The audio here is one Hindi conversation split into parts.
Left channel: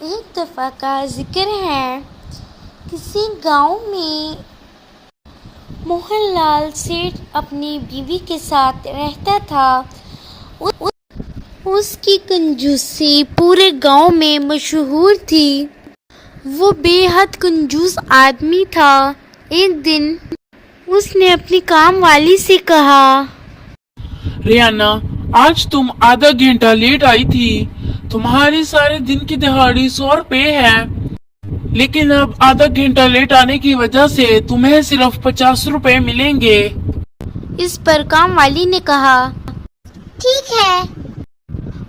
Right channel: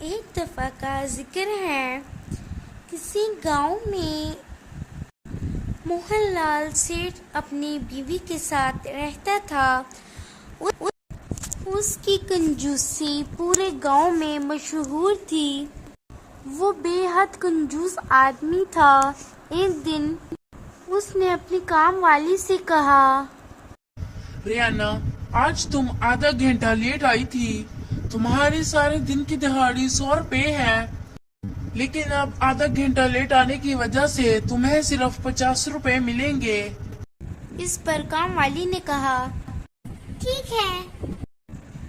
एक दफ़ा का जिक्र है, किसी गांव में मोहनलाल सेठ अपनी बीवी के साथ रहता था। उसकी कंजूसी पूरे गांव में मशहूर थी। वो बेहद कंजूस आदमी था। एक दिन उसने अपनी काम वाली से कहा, रियाना, आज तुम आधा घंटा लेट आई थी। तुम्हारे सारे दिन की दिहाड़ी 100 रुपए है, लेकिन अब आधा घंटा लेट आने की वजह से तुम्हें सिर्फ 50 रुपए मिलेंगे। इस पर काम वाली ने कहा, ठीक है।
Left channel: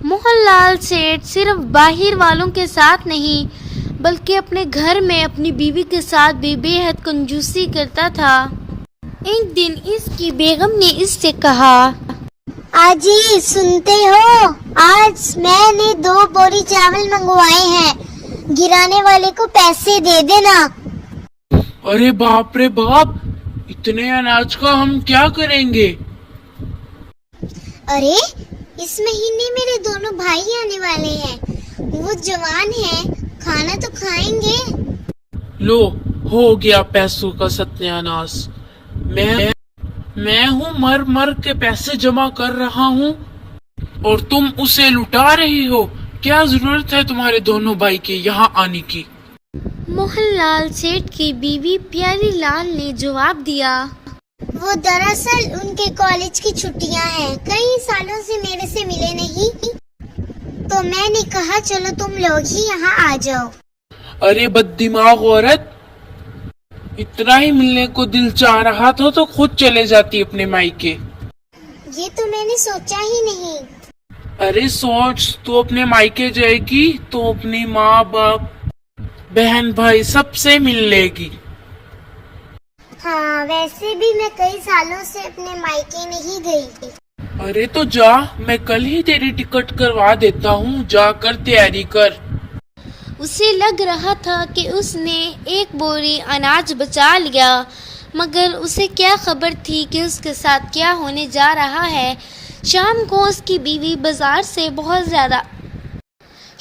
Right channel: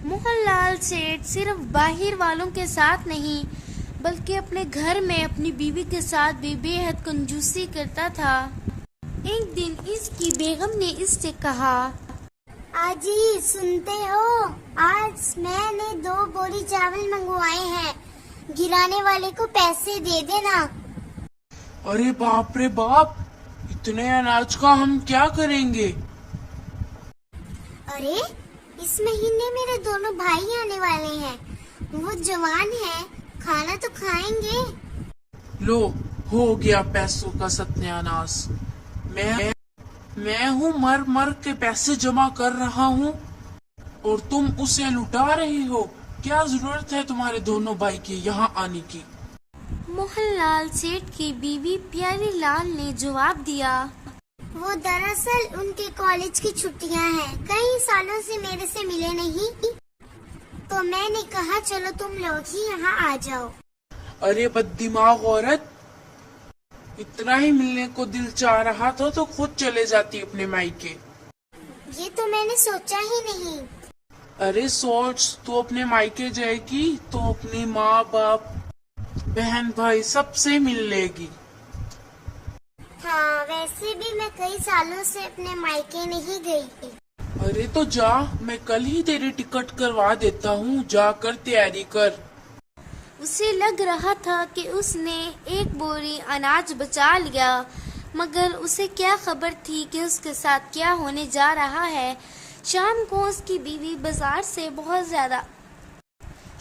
मोहनलाल सेठ सिर्फ बाहर वालों के साथ नहीं बल्कि अपने घर में अपनी बीवी के साथ भी बेहद कंजूसी करता था। एक दिन इसकी बेगम ने इससे कहा, आजी सुनते हो, आज मैंने 2 बोरी चावल मंगवाए हैं, गिराने वाले को पैसे दे देना। अरे बाप रे बाप, इतने अनाज का हम क्या करेंगे? अरे इस महीने मेरे दोनों भाई आने वाले हैं, वो जवान हैं, खाना तो खाएंगे। लो, हो गया पैसों का सत्यानाश। मैं हूँ मर मर के पैसे जमा कर रहा हूँ और तुम उसे लुटा रही हो। क्या जरूरत है तुम्हारे दोनों भाई की यहाँ आने की? मोहनलाल सेठ की बीवी प्यारी लाल ने जवाब दिया, वो दरअसल उनके कॉलेज की छुट्टियां हैं, कई सालों से मेरे से मिले नहीं, तो मैंने कहा चलो तुम लोग ही यहाँ आ जाओ। अरे बददिमाग औरत, इतना ही मिलने को दिल चाह रहा था तो खुद चले जाती अपने मायके। ये तो मैंने सोचा ही नहीं। अरे सोच, तू अपने मायके जाएगी तो अपनी माँ बाप बहन भाई सबसे मिल लेगी। हाँ, वैसे भी मैं कई सालों से अपने मायके नहीं गई। अरे तो जा, मैं कल ही तेरी टिकट करवा देता हूँ, जाकर तैयारी कर। उसे लग रहा था कि उसने एक बोरी अनाज बचा लिया, मगर उसे क्या खबर थी कि उसके साथ क्या होने जा रहा है। शाम को उसकी बीवी बाजार से बहुत ज़्यादा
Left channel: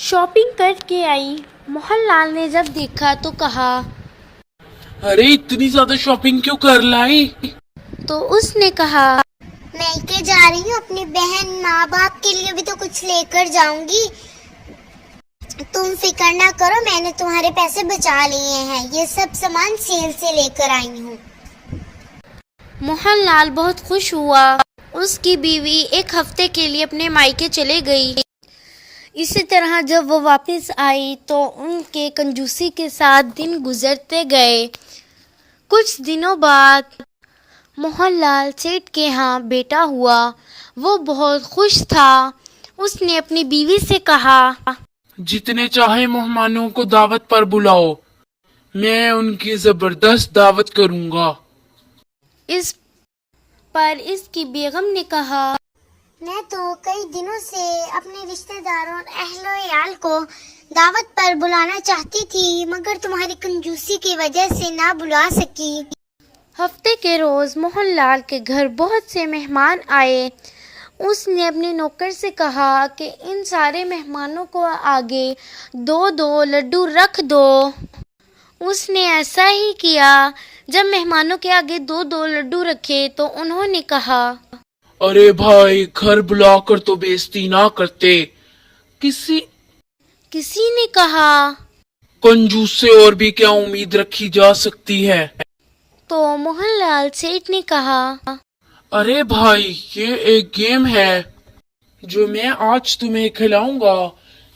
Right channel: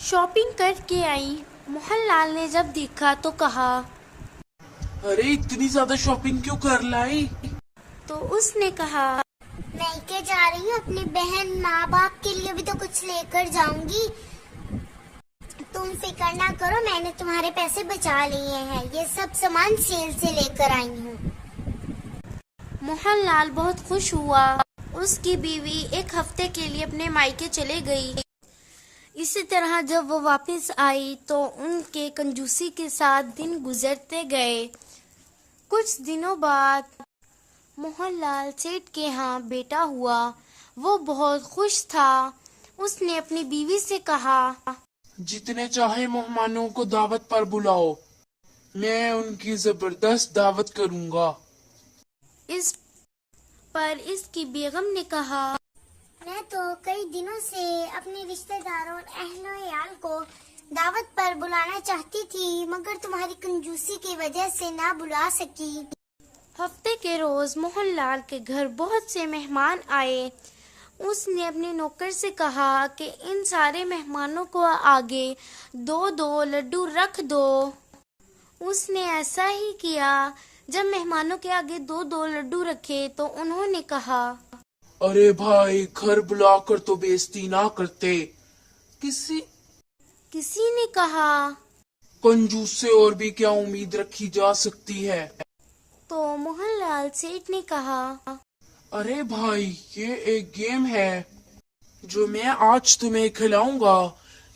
शॉपिंग करके आई। मोहनलाल ने जब देखा तो कहा, अरे इतनी ज्यादा शॉपिंग क्यों कर लाई? तो उसने कहा, मायके जा रही हूँ, अपनी बहन माँ बाप के लिए भी तो कुछ लेकर जाऊंगी। तुम फिक्र ना करो, मैंने तुम्हारे पैसे बचा लिए हैं, ये सब सामान सेल से लेकर आई हूँ। मोहनलाल बहुत खुश हुआ। उसकी बीवी एक हफ्ते के लिए अपने मायके चले गई। इसी तरह जब वो वापस आई तो उनके कंजूसी के साथ दिन गुजरते गए। कुछ दिनों बाद मोहनलाल सेठ के यहाँ बेटा हुआ। वो बहुत खुश था। उसने अपनी बीवी से कहा, जितने चाहे मेहमानों को दावत पर बुलाओ, मैं उनकी जबरदस्त दावत करूंगा। इस पर इसकी बेगम ने कहा, मैं तो कई दिनों से अपने रिश्तेदारों और अहलो-याल को दावत पर बुलाना चाहती थी, मगर तुम्हारी कंजूसी की वजह से ना बुला सकी। हफ्ते के रोज मोहनलाल के घर बहुत से मेहमान आए। उसने अपने नौकर से कहा कि इन सारे मेहमानों को आगे 2-2 लड्डू रख दो। उसने ऐसा ही किया। जब मेहमानों के आगे 2-2 लड्डू रखे तो उन्होंने कहा, अरे भाई, घर बुलाकर तो बेइज्जती ना करते। किसी ने कहा, कंजूस से और भी क्या उम्मीद रखी जा सकती है? तो मोहनलाल सेठ ने कहा, अरे भाई, ये एक गेम है जो मैं आज तुम्हें खिलाऊंगा।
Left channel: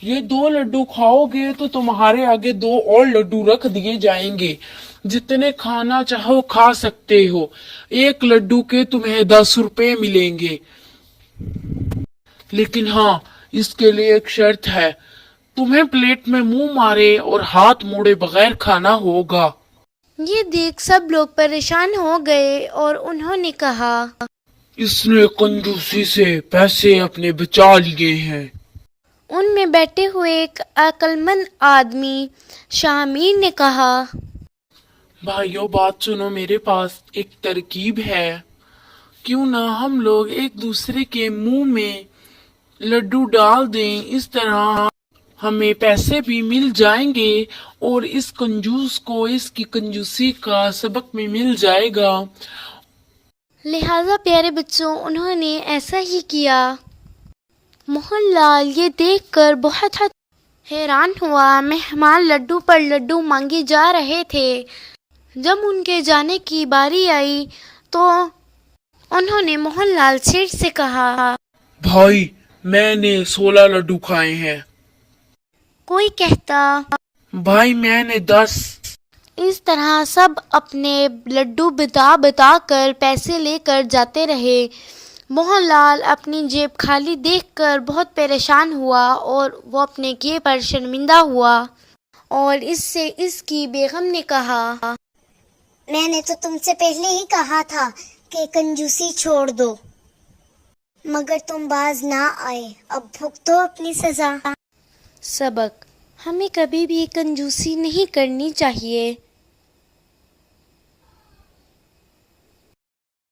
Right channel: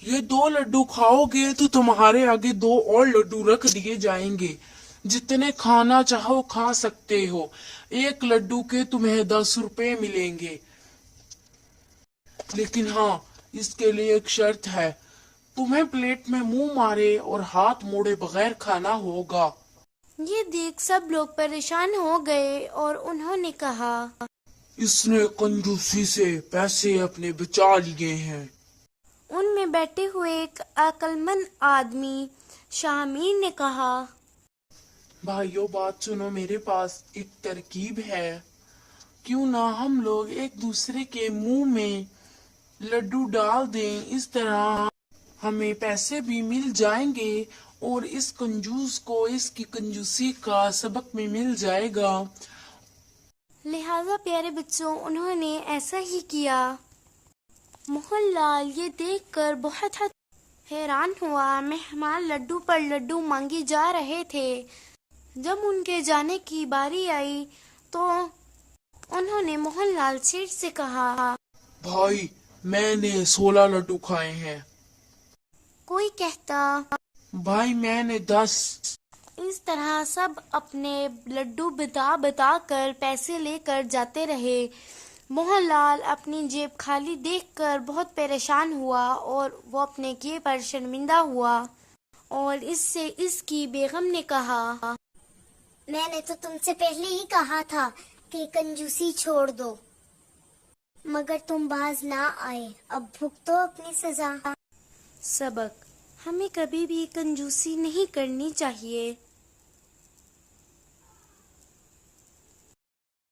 ये 2 लड्डू खाओगे तो तुम्हारे आगे 2 और लड्डू रख दिए जाएंगे। जितने खाना चाहो खा सकते हो। एक लड्डू के तुम्हें 10 रुपए मिलेंगे, लेकिन हाँ, इसके लिए एक शर्त है। तुम्हें प्लेट में मुंह मारे और हाथ मोड़े बगैर खाना होगा। ये देख सब लोग परेशान हो गए और उन्होंने कहा, इसने कंजूसी से पैसे अपने बचा लिए हैं। उनमें बैठे हुए एक अक्लमंद आदमी शामिर ने कहा, भाइयों, बात सुनो, मेरे पास एक तरकीब है। क्यों ना हम लोग एक दूसरे के मुंह में लड्डू डाल दें, इस तरह हमें पैसे भी मिल जाएंगे और इस कंजूस को इसकी कंजूसी का सबक भी मिल जाएगा। लिहाजा प्यारे बच्चों, उन्होंने ऐसा ही किया। मोहनलाल ये देखकर बहुत हैरान हुआ। मेहमान लड्डू पर लड्डू मांगे जा रहे थे। जब उनके जाने की बारी आई तो उन्होंने मोहनलाल सेठ से कहा, भाई मैंने 16 लड्डू खाए हैं। कोई कहता, भाई मैंने 10। इस तरह सब अपने लड्डू बता कर पैसे लेकर जाते रहे। मोहनलाल अपनी जेब खाली देखकर बहुत परेशान हुआ और वो अपने किए पर शर्मिंदा हुआ और इससे इसकी बेगम ने कहा, मैंने तो तुमसे पहले ही कहा था कि कंजूसी छोड़ दो, मगर तुम बाज ना आए। अब भुगतो अपनी सजा। सबक, हमें कभी भी कंजूसी नहीं करनी चाहिए।